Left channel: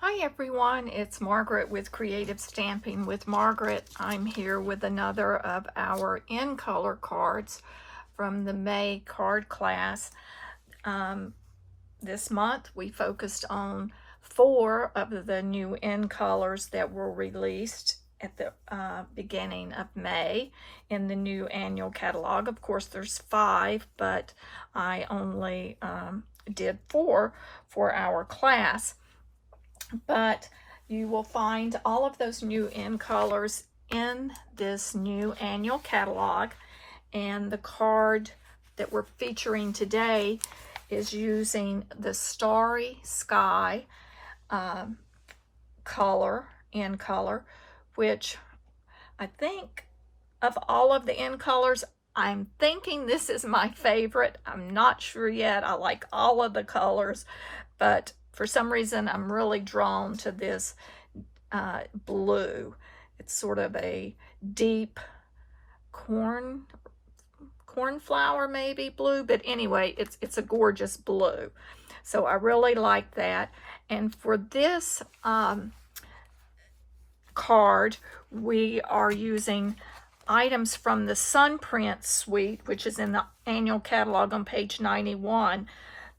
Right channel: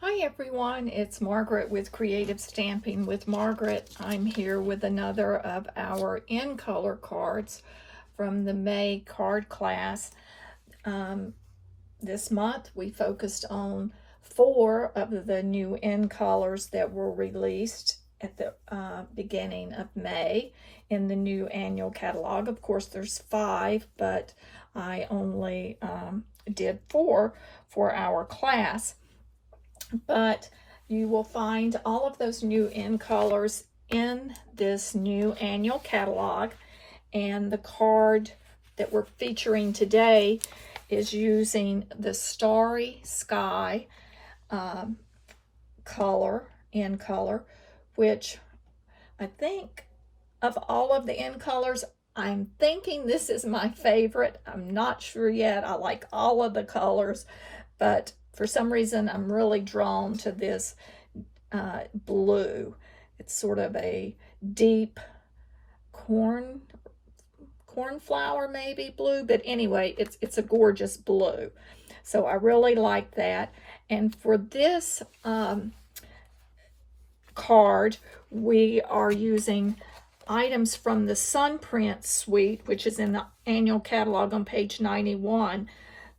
Hi everyone, it's Margaret with Creative Stamping with Margaret. I'm here with another of our in color cards from the May card class. This month we focused on 4 of the new in colors that were released at the beginning of May in the new annual catalog. Of course there's 5, but I only did 4 for our class. But you will find all of those new in colors in this new annual catalog, and the card that we're featuring today is using the Starry Sky color, in color, which I think of all of the in colors, I'm thinking this is my favorite. I'm not sure yet. I like all of the colors, but for some reason, I'm really drawn to this blue. It's sort of a deep cornflower maybe blue, but anyway, it's a gorgeous blue. So I really like that. And for this card, we are using items from the Sunprint suite, which is in the annual catalog on page 91.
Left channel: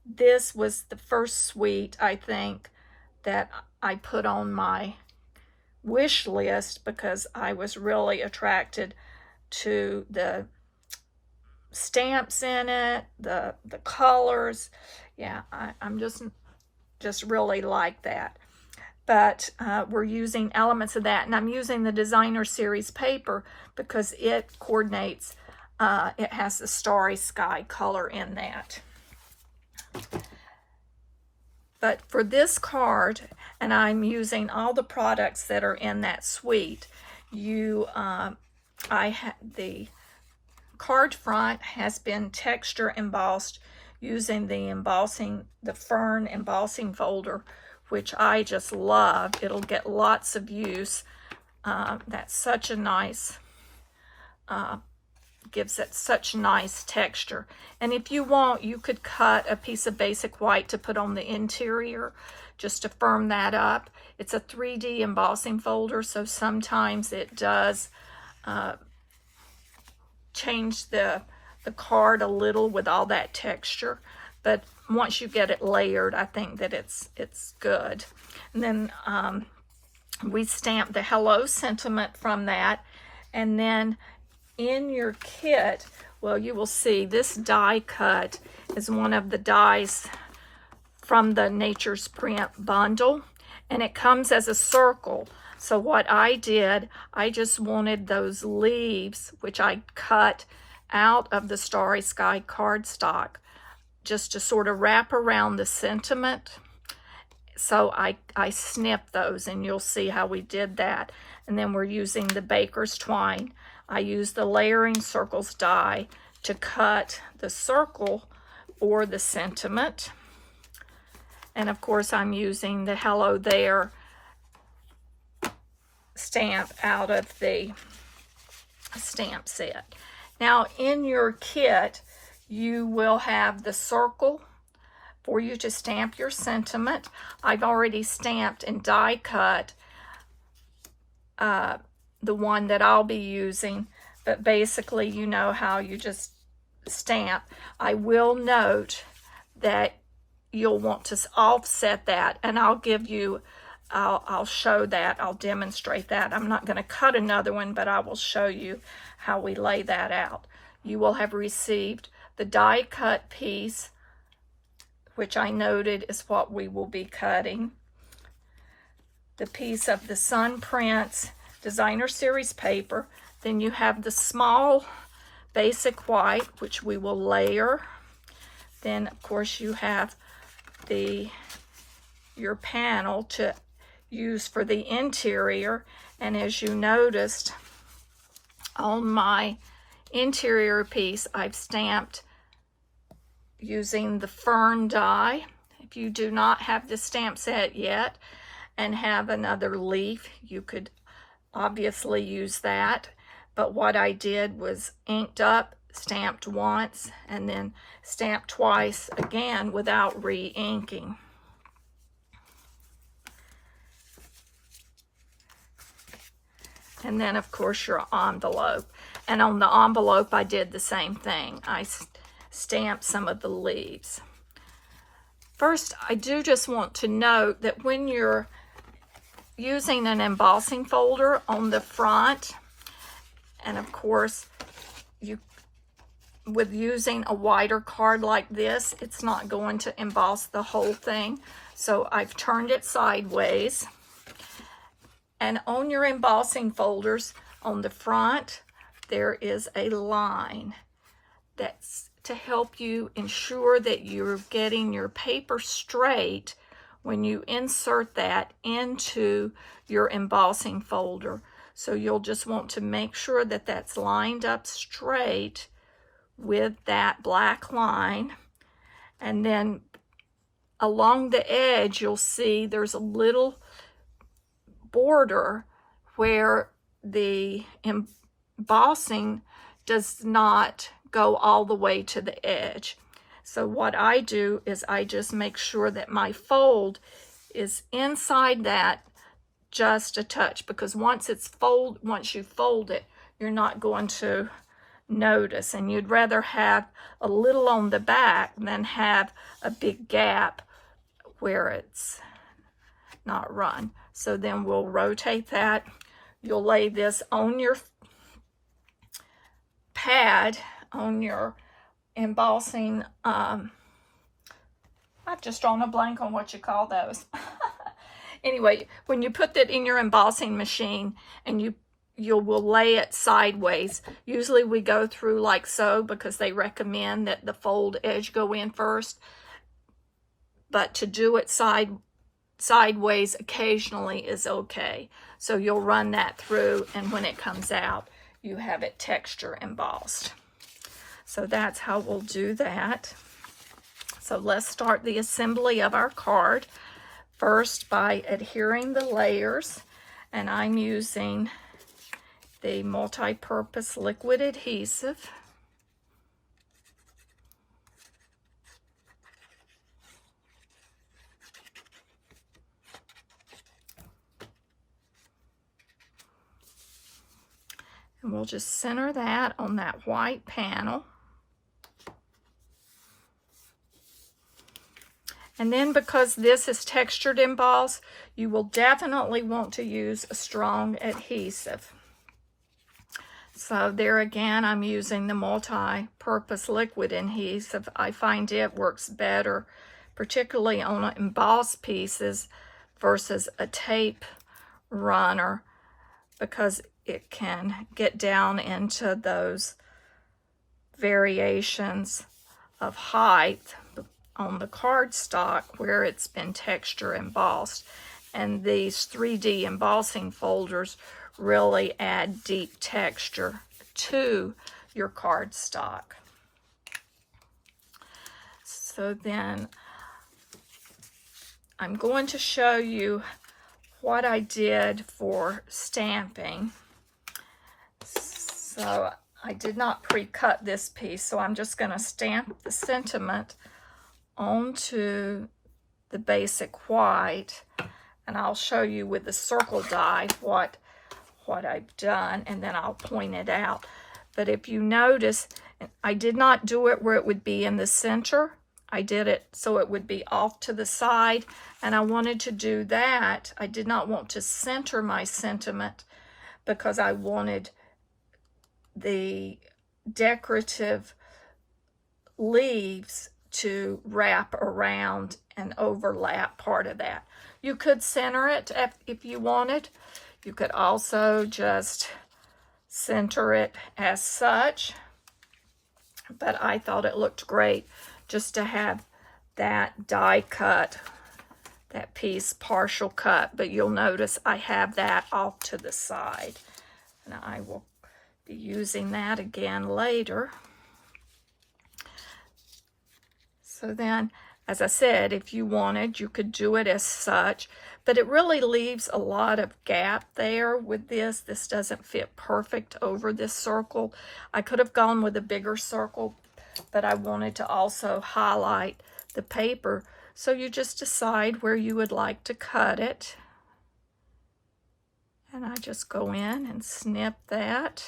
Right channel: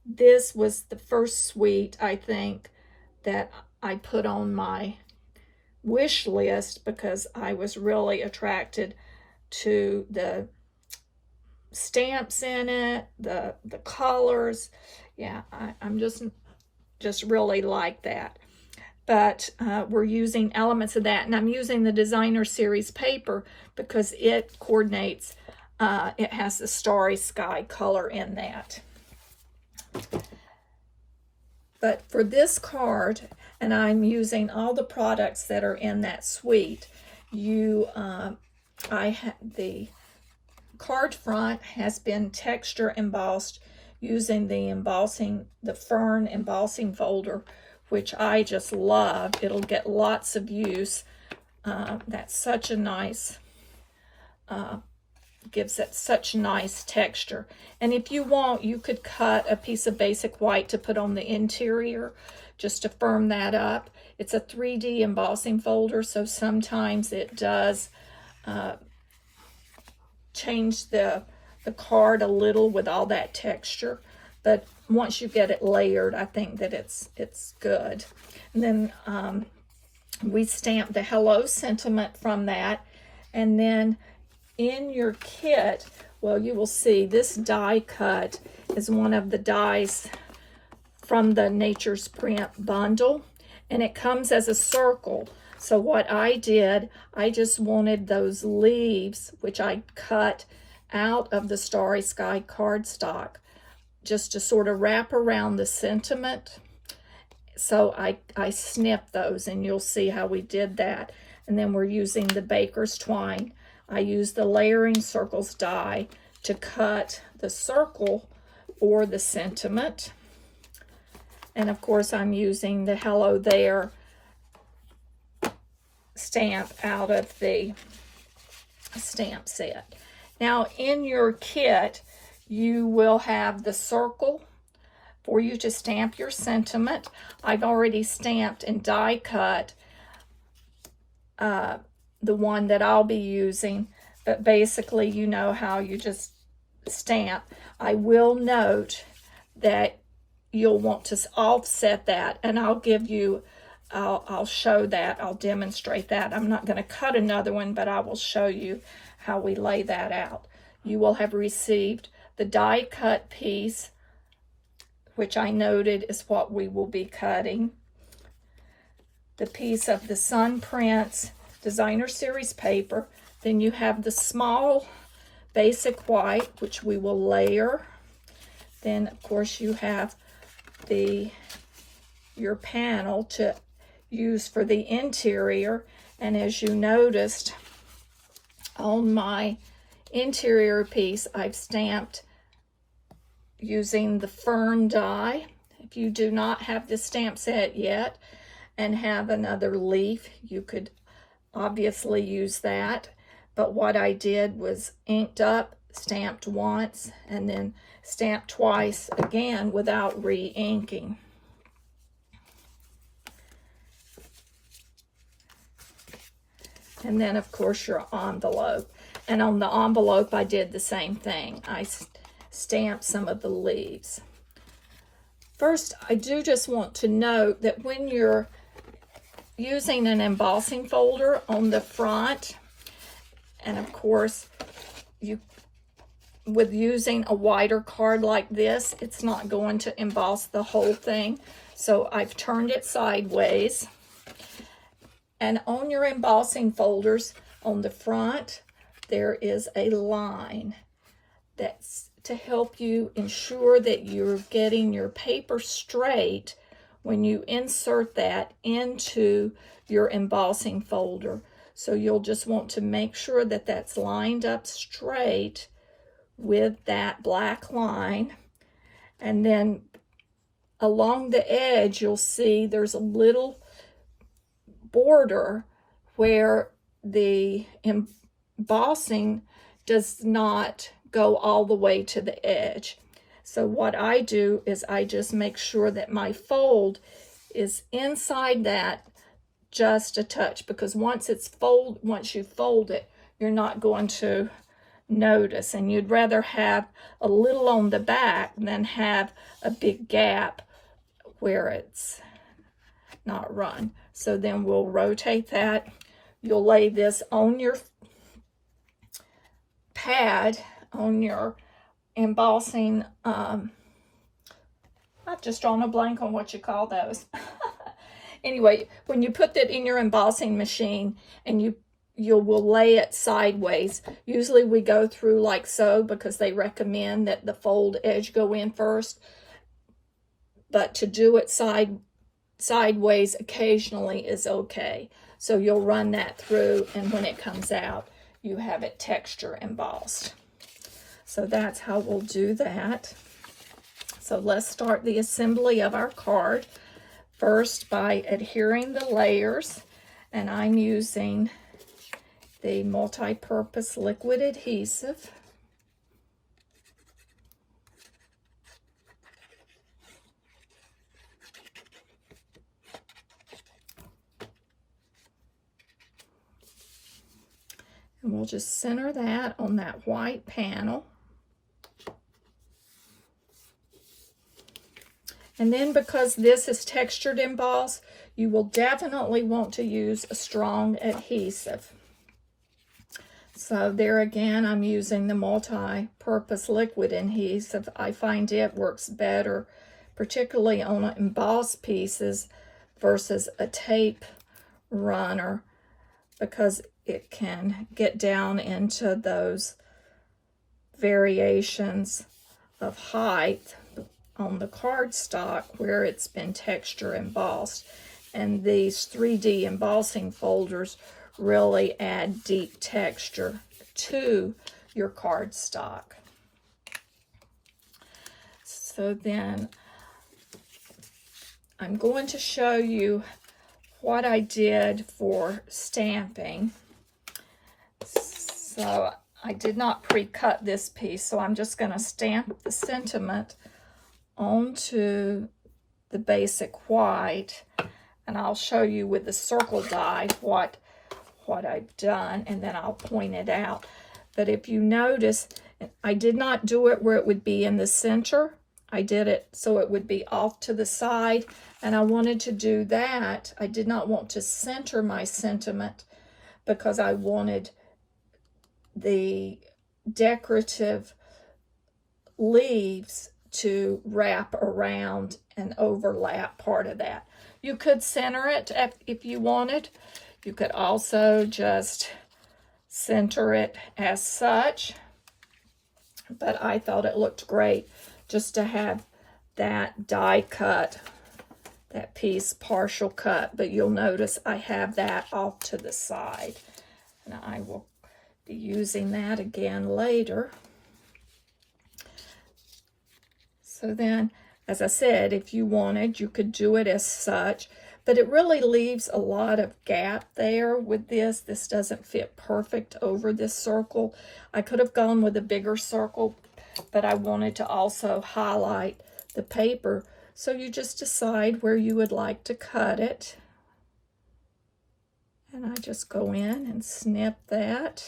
This was the first suite, I think, that I put on my wish list because I was really attracted to the stamps in it, the colors. Yeah, I'm just really like that. But we're using elements of that, and I'm using the Designer Series paper because it coordinates, it has the Starry Sky color in that. But for this card, and I'm using all the products that are in that suite, the card front has been texture embossed using the fern embossing folder, which I just love. It'll get lots of use. That's such a nice, gives it such nice texture. And if you want, you could cut a piece of basic white to put on the interior just to firm that up. It's a 3D embossing folder, so sometimes it does change the card a little with all that texture, but once you get it layered, I think that it's good. And then we stamped the hello sentiment from that. And then in your kit, well, you will see this die cut is one of the dies from the Nature's Print bundle, and it comes as a circle. So what I did, I just wanted those leaves, which I cut out of the Starry Sky cardstock, just to sort of wrap around the sentiment. So I snipped those, and you'll see how we did that. And then we're using the baker's twine. I used the layering circles die to cut the circle for the sentiment. And of course, I'm using the Hello There stamp out of the stamp set. Now, in your kit, you will have the circle for you to stamp your sentiment. I've already stamped and die cut the one that I'll be using, but basically you know how you just stamp. I will note that you'll want to offset that, and I'll show that, I'll demonstrate that. I'm not going to cut another one, but I will show you how we lay that out. You will have received the die cut piece, which I noted is what we will be cutting. The piece of the Sunprint Designer Series paper. Then you have the small basic white, which we will layer. Then of course you have your panel to use for the interior. And as you noticed on my interior piece, I've stamped using the fern die. If you do not have the stamp set yet and have another leaf, you could obviously use that. But what I did was inked up, stamped once, and then stamped twice again without re-inking. And then, of course, your envelope. And on the envelope, I did the same thing. I stamped some of the leaves. First, I do just want to note that when you're using an embossing folder on the front, and of course, with using a wider card like this, it's not going to emboss the whole thing. So I've turned it sideways. And on your embossing folders, on the front, there is a line that's to help you ensure that you're getting your paper straight when you insert that into your embossing folder. So you'll just want to make sure that that's lined up straight with that black line. And then along the edge, you'll see there's a little border where the embossing does not go all the way to the edge. So what I do is I just make sure that my fold is inside that just a touch, because once you fold it, you're not going to notice, and you'd rather have a little on the back than have a big gap where it's not run. So then we'll rotate that. You'll lay this on your pad, on your embossing, I've just drawn a blank on what you call those. Anyway, when you put that in your embossing machine and you will lay it sideways. Usually we go through like so, because they recommend that the fold edge go in first. But to do it sideways occasionally is okay. So you'll run that through, and when it comes out, you have it texture embossed. So that's how we'll do that. So let's start the assembly of our card. First, by adhering the layers, and I'm using the multi-purpose liquid adhesive. And we'll just center that on that white panel. And then, because this is textured emboss, you will definitely want to use a strong adhesive. So there again, I'm using the multi-purpose liquid adhesive. I find it works better, particularly on embossed pieces versus a tape runner, because it can get down into those variations of height on the cardstock where it's been texture embossed. And these 3D embossing folders really add deep texture to your cardstock. So then I'm going to show you what I did for stamping. So I did not pre-cut this piece, so I'm just going to stamp the sentiment onto the basic white, and I'll show you with the circle die what I've done, and then I'll point it out. But if you notice, I did not do it where it would be in the center. I did it so it would be off to the side, and I wanted to do that. I did not want to center my sentiment because I wanted the decorative leaves to wrap around and overlap part of that. You could center it if you wanted. You could also just center it as such, but I thought it looked great just to have that die cut, that piece partial cut. But you'll notice I have that off to the side, and I will be using that again later. So then, as I said, if you wanted, you could do it as such, but it really leaves a lot of gap there with this. This doesn't fit perfect over this circle. I could have gone with a bigger circle, but I wanted to also highlight the paper. So you just decide where you would like to cut it. And I just go in and snip that.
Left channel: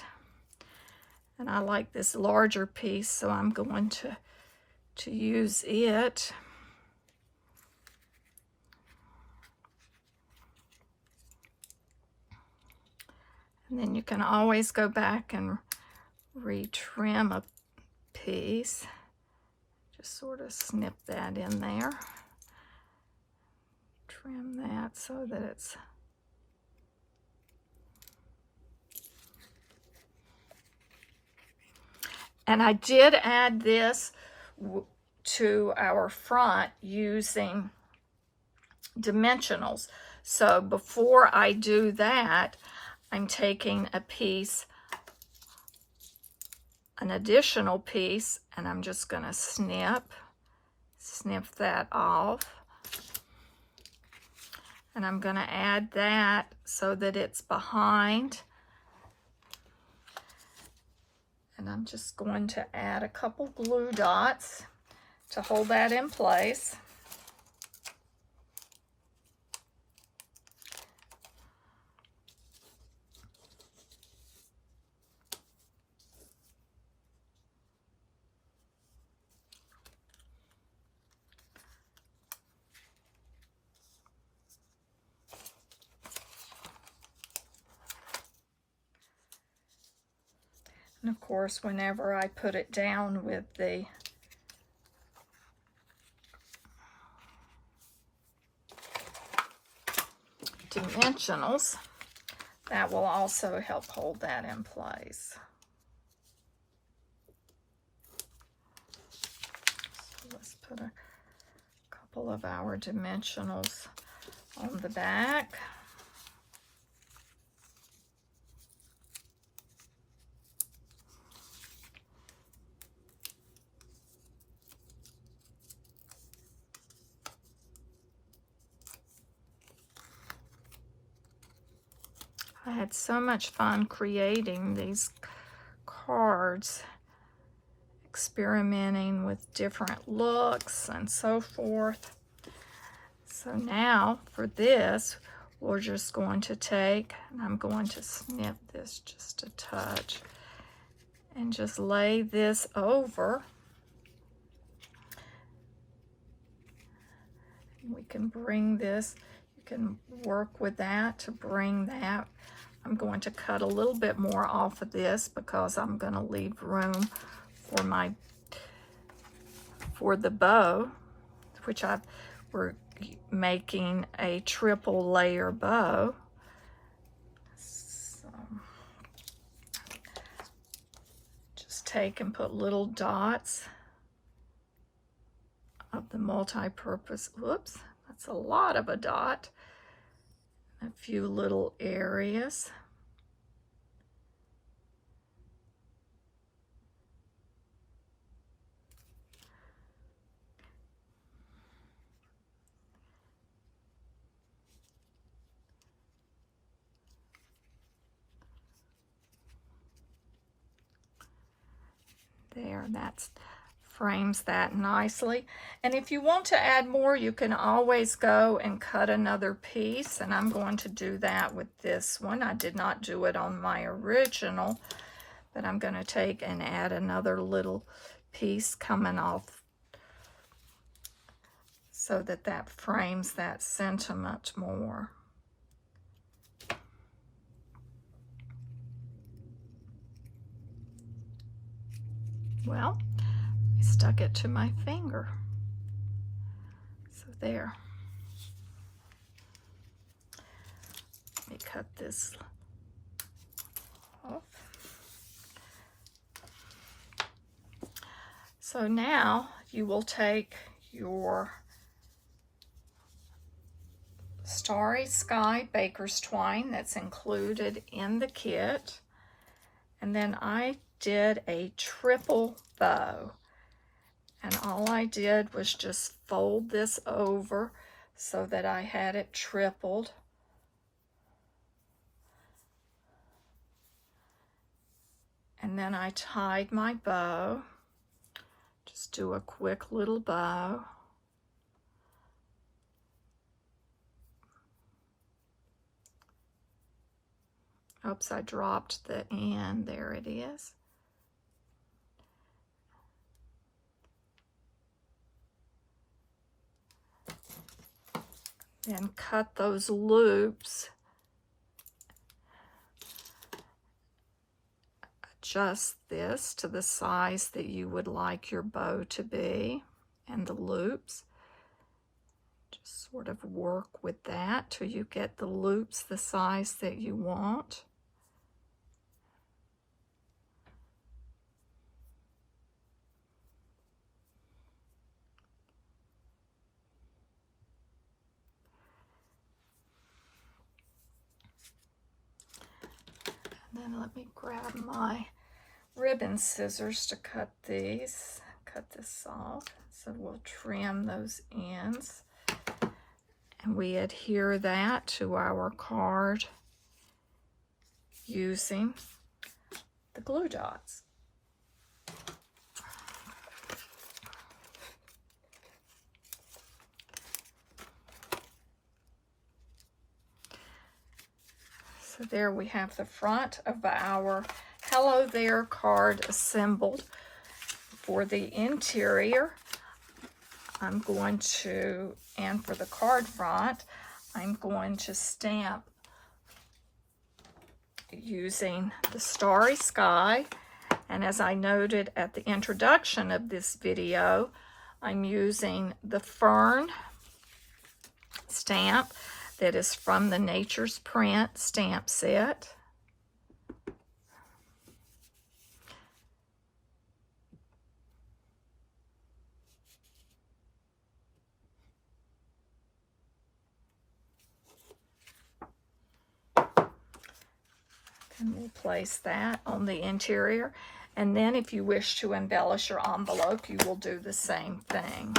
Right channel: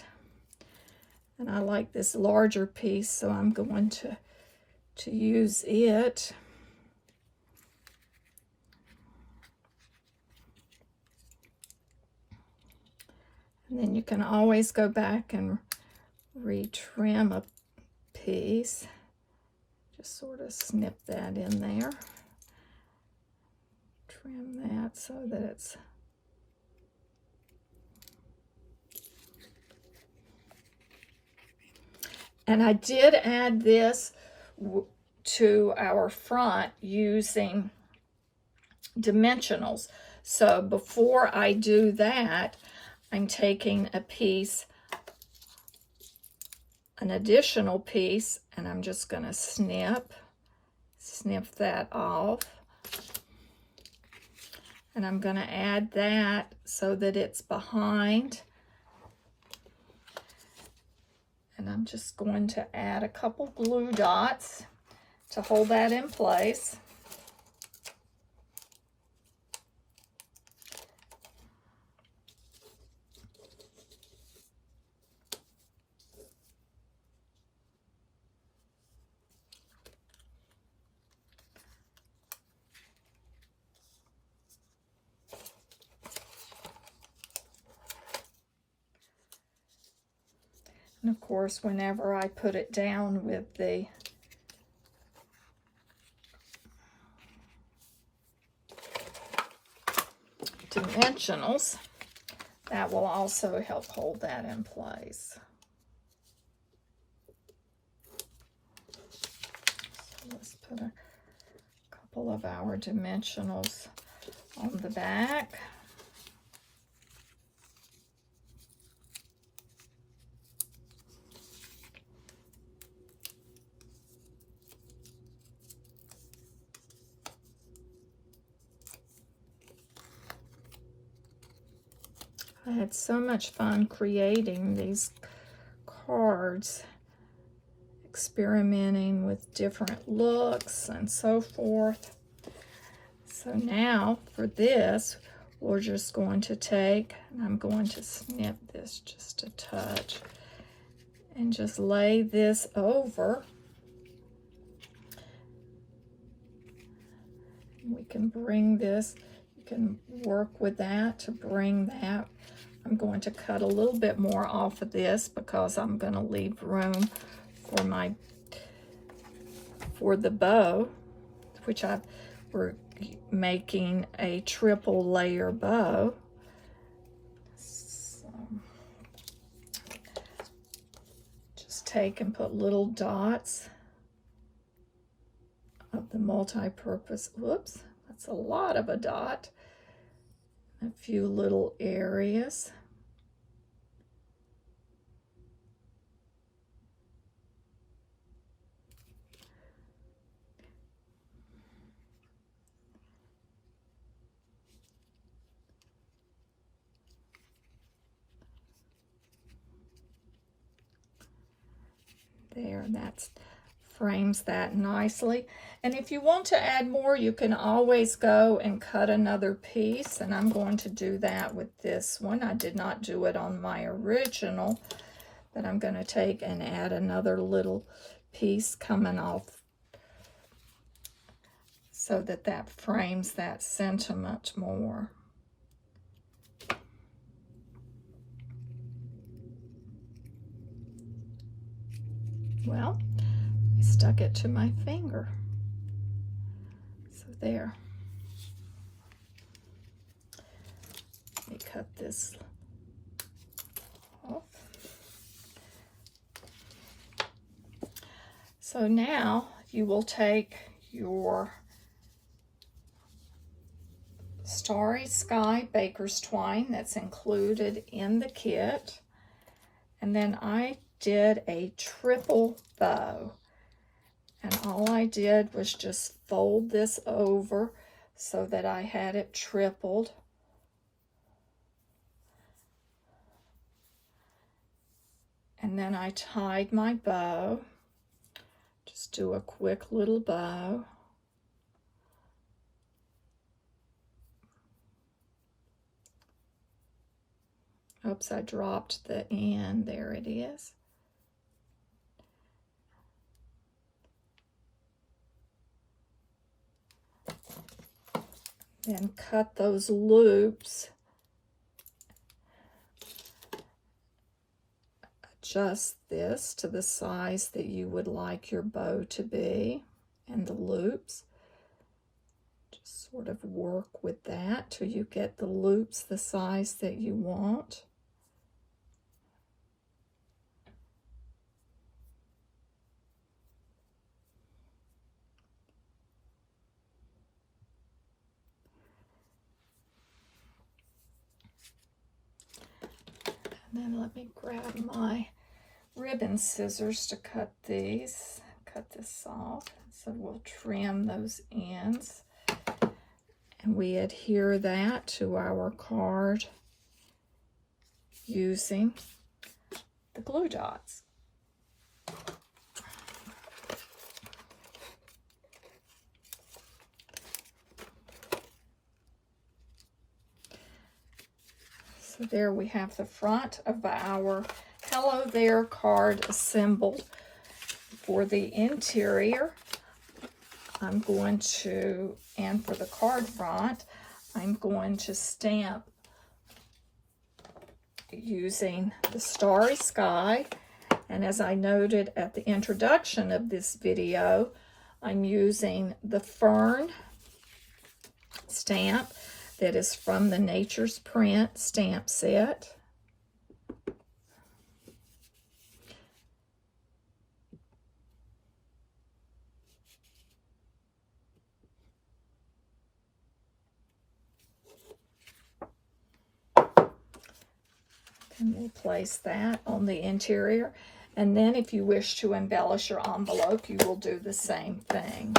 And I like this larger piece, so I'm going to use it. And then you can always go back and retrim a piece. Just sort of snip that in there. Trim that so that it's and I did add this to our front using dimensionals. So before I do that, I'm taking a piece, an additional piece, and I'm just going to snip that off. And I'm going to add that so that it's behind. And I'm just going to add a couple glue dots to hold that in place. And of course, whenever I put it down with the dimensionals, that will also help hold that in place. So let's put a couple of our dimensionals on the back. I had so much fun creating these cards, experimenting with different looks and so forth. So now for this, we're just going to take, and I'm going to snip this just a touch, and just lay this over. We can bring this, you can work with that to bring that. I'm going to cut a little bit more off of this because I'm going to leave room for the bow, which we're making a triple layer bow. So just take and put little dots of the multi-purpose. Whoops, that's a lot of a dot. A few little areas. There, that frames that nicely. And if you want to add more, you can always go and cut another piece, and I'm going to do that with this one. I did not do it on my original, but I'm going to take and add another little piece coming off so that that frames that sentiment more. Well, I stuck it to my finger. So there. Let me cut this off. So now you will take your Starry Sky Baker's Twine that's included in the kit, and then I did a triple bow, and all I did was just fold this over so that I had it tripled. And then I tied my bow. Just do a quick little bow. Oops, I dropped the end. There it is. Then cut those loops. Adjust this to the size that you would like your bow to be, and the loops. Just sort of work with that till you get the loops the size that you want. And then let me grab my ribbon scissors to cut these. Cut this off. So we'll trim those ends. And we adhere that to our card using the glue dots. So there we have the front of our Hello There card assembled. For the interior, I'm going to, and for the card front, I'm going to stamp using the Starry Sky. And as I noted at the introduction of this video, I'm using the Fern stamp that is from the Nature's Print stamp set. And we'll place that on the interior. And then if you wish to embellish your envelope, you will do the same thing.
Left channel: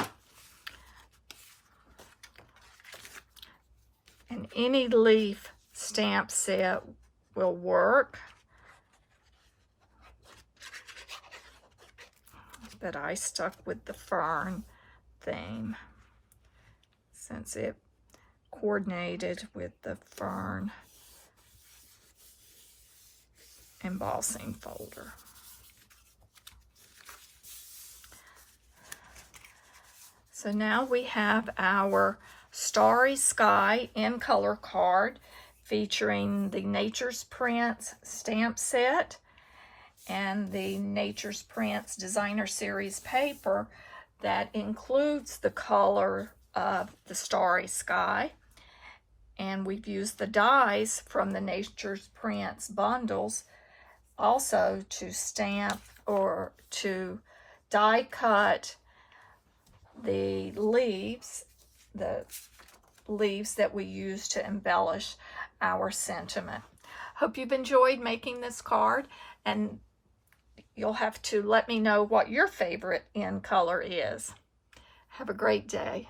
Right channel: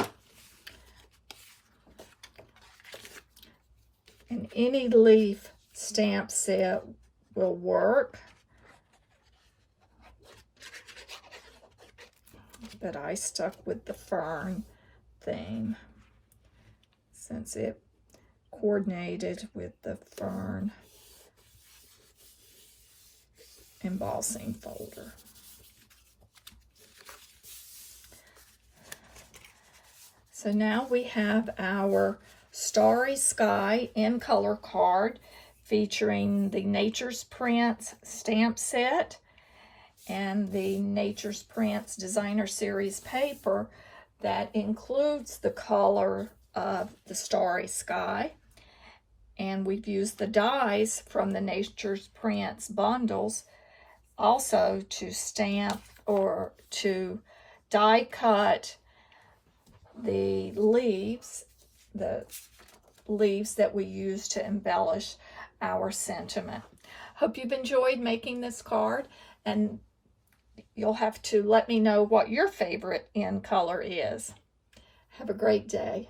And any leaf stamp set will work. But I stuck with the fern theme since it coordinated with the fern embossing folder. So now we have our Starry Sky in color card featuring the Nature's Prints stamp set and the Nature's Prints Designer Series paper that includes the color of the Starry Sky. And we've used the dies from the Nature's Prints bundles also to stamp or to die cut the leaves that we use to embellish our sentiment. Hope you've enjoyed making this card, and you'll have to let me know what your favorite in color is. Have a great day.